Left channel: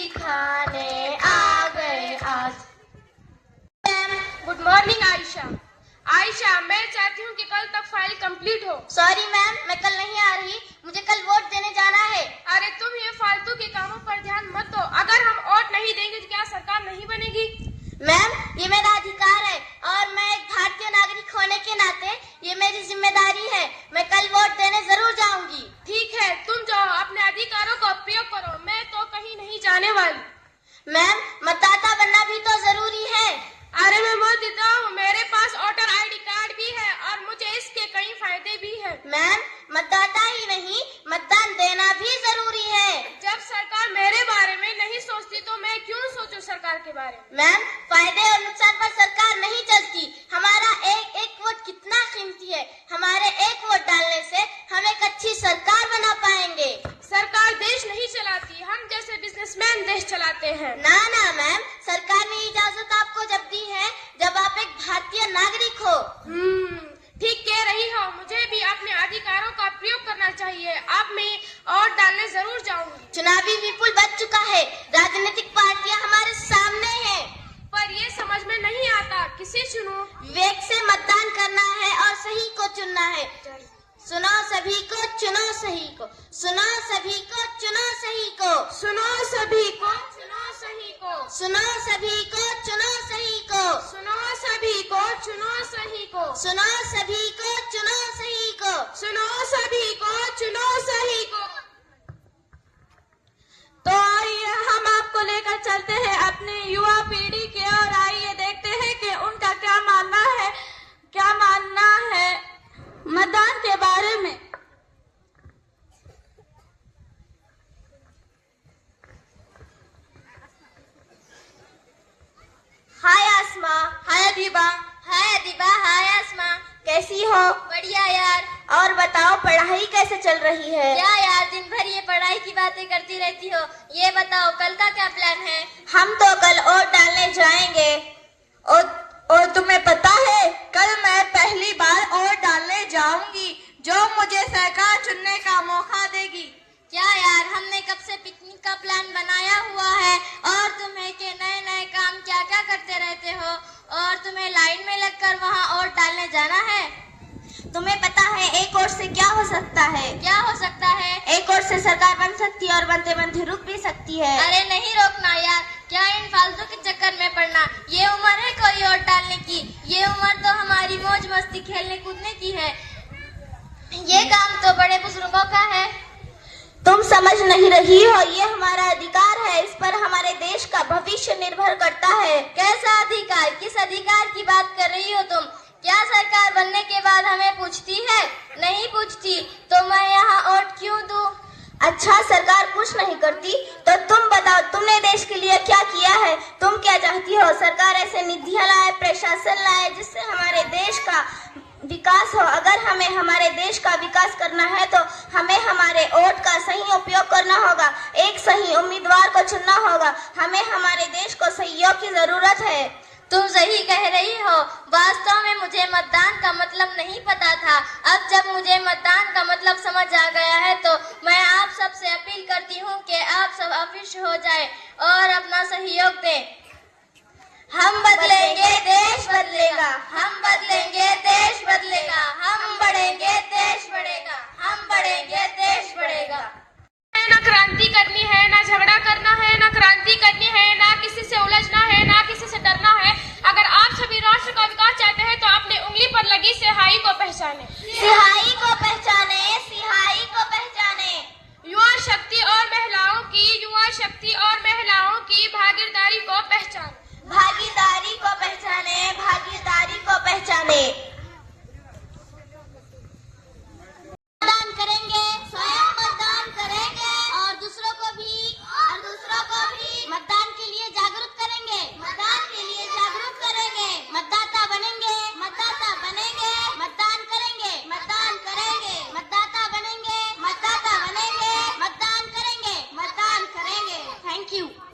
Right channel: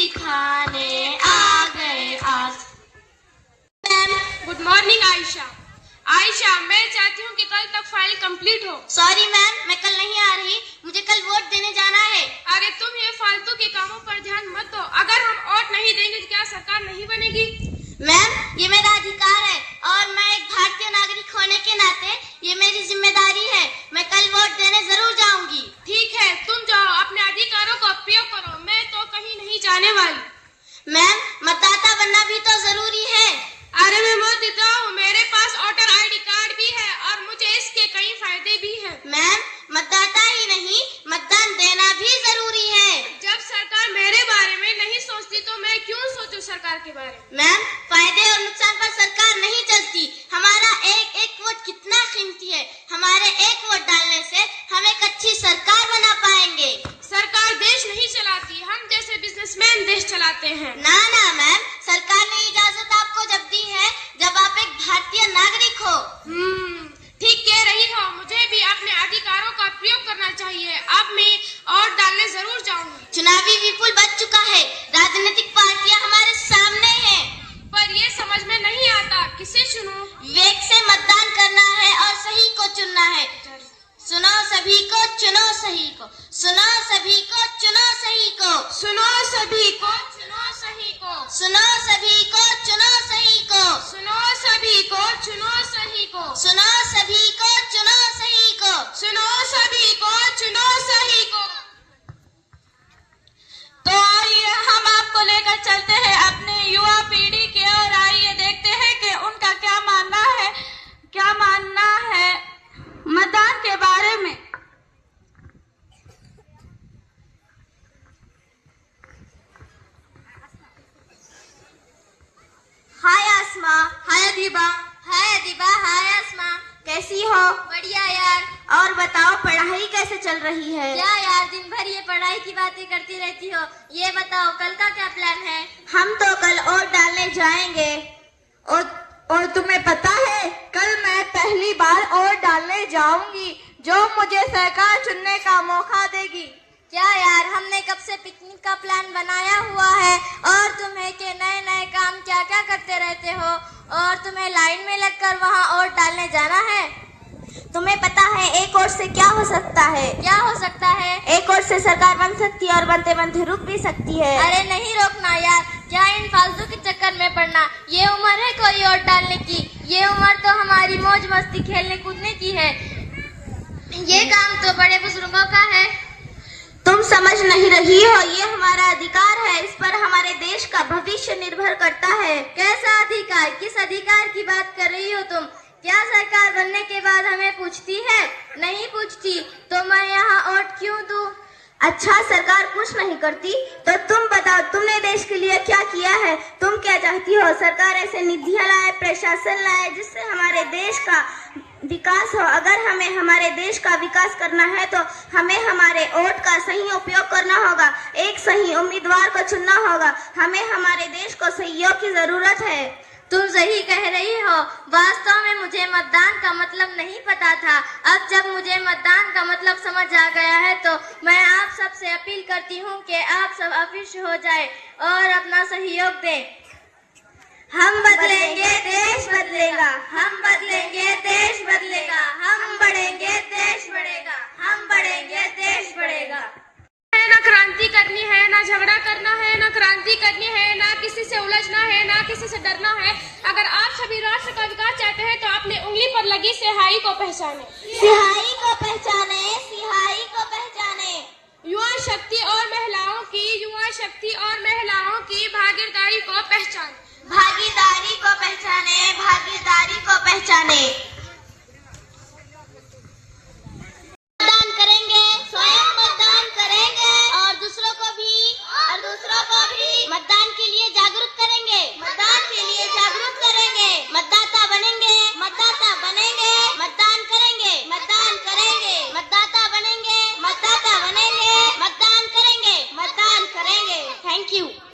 दिखाने आ गए आज। Ma'am good morning Ayesha. Ayesha मैं चाहती हूँ कि कल तक फाइल कंप्लीट हो। सॉरी मैम, मैं कल नहीं आ रही, मुझे कल वोट देने जाना है। अरे तुम ये फालतू के कामों पर ध्यान मत दो। अगर हम वोट नहीं देंगे तो क्या सरकार नहीं बनेगी? मैम ये मेरा अधिकार है और मैं एक भारतीय नागरिक होने के नाते ये मेरी जिम्मेदारी है। मैं कल वोट देने जरूर जाऊंगी। ठीक है तुम जाओ, अपने अधिकारों का उपयोग करो, मैं तो कहीं नहीं जाने वाली। मैम मतदाता बनना भी तो जरूरी है। अरे मैं मत देता हूँ, मेरे पास वोटर ID कार्ड भी है और मुझे इसके कई फायदे भी है। मैम मतदाता ही नहीं, मतदान देना भी जरूरी है। जब सरकार मेरे बारे में नहीं सोचती तो मैं क्यों सोचूं सरकार के बारे में? मैम फायदे और नुकसान पर सरकार नहीं चलती। हमारा एक एक वोट कितना कीमती है। हमारे एक वोट डालने से हम एक अच्छी सरकार बना पाएंगे। सरकार देश नहीं चलाती, हम जैसे बिजनेसमैन देश चलाते हैं। ना ना मैम, सरकार ने इजाजत आपको जब दी है जब आप एक भारतीय नागरिक हो। ठीक कह रही हो, मुझे भी अपने अधिकारों का प्रयोग करना चाहिए। अब मैं और डालने जरूर जाऊंगी। चुनावी विपुल बच चुका है, राजनीतिक पार्टियां हमारे सामने हैं, पर ये समझ में नहीं आता किसे चुनूं? विवेक से मतदान करना है और सही को चुनना है। सुनो सभी को, चुनो सही को। सुनो सभी को, चुनो सही को। सुनो सभी को, चुनो सही को। सुनो सभी को, चुनो सही को। सुनो सभी को, चुनो सही को। सुनो सभी को, चुनो सही को। सुनो सभी को, चुनो सही को। तो आइए हम आपको लेकर चलते हैं अपने युवा पीढ़ी के और आइए देखते हैं कि उनका क्या मानना है मतदान के बारे में। हाय आसमा, हाय अदीबा। हाय अदीबा, हाय आसमा, कैसी हो? बढ़िया यार। और बताओ पढ़ाई कैसे चल रही है? क्या यार, दिन भर ये पढ़ाई की बातें करती रहती हो। ये बताओ कल का क्या प्लान है? हम तो कल वोट डालने जाएंगे। और तुम्हें पता है कल मैं पहली बार वोट डालने जाऊंगी, जो मुझे सरकार चुनने का मौका देगी। क्या यार, हमने कब से पिकनिक का प्लान बनाया हुआ है और तुम्हें के नए नए काम क्या क्या करते रहते हो और तुम्हें लाइन में लगकर वहाँ वोट डालने जाना है। तुम्हें पता है एक वोट से क्या हो सकता है? क्या हो सकता है? एक वोट से सरकार बन सकती है और बनते बनते रुक भी सकती है। अरे नहीं रोकना यार, क्या इन फालतू के चक्कर में पड़ना। ये उम्र है कोई वोट डालने की? ये उम्र तो हमारी मौज मस्ती खेलने कूदने की है। ये काम तो बड़े बुजुर्गों का है। तुम समझ नहीं रही हो, ये हमारा अधिकार है, इस पर हमारे देश का भविष्य निर्भर करता है। कैसा अधिकार? किस अधिकार की बात कर रही हो तुम? क्या सरकार बनने के बाद हमें पूछती है? नहीं पूछती, तो मैं यहाँ वोट क्यों दूं? अच्छा सरकार कुछ नहीं करती तो तुम बताओ, तुमने देश के लिए क्या किया है? तुम क्या चाहती हो? सरकार ऐसे निधियां लाए, प्रशासन लाए जिससे हमारे देश का विकास हो। अगर हमें हमारे देश का विकास करना है तो हमें हमारे वोट का सही उपयोग करना होगा, एक सही उम्मीदवार को चुनना होगा। हमें हमारे देश को सहयोग की जरूरत है। तुम सही कह रही हो। वास्तव में मुझे मतदान का मतलब नहीं पता था। अब जब मुझे मतदान का मतलब समझ आ गया है तो मैं आप सब से अपील करती हूँ कि आप सब अवश्य हो जाए और अपना सहयोग दें। हम बदलेंगे, देश बदलेगा। हम बदलेंगे, देश बदलेगा। हम बढ़ेंगे, देश बढ़ेगा। हम बढ़ेंगे, देश बढ़ेगा। है ना क्रांति करनी है, ना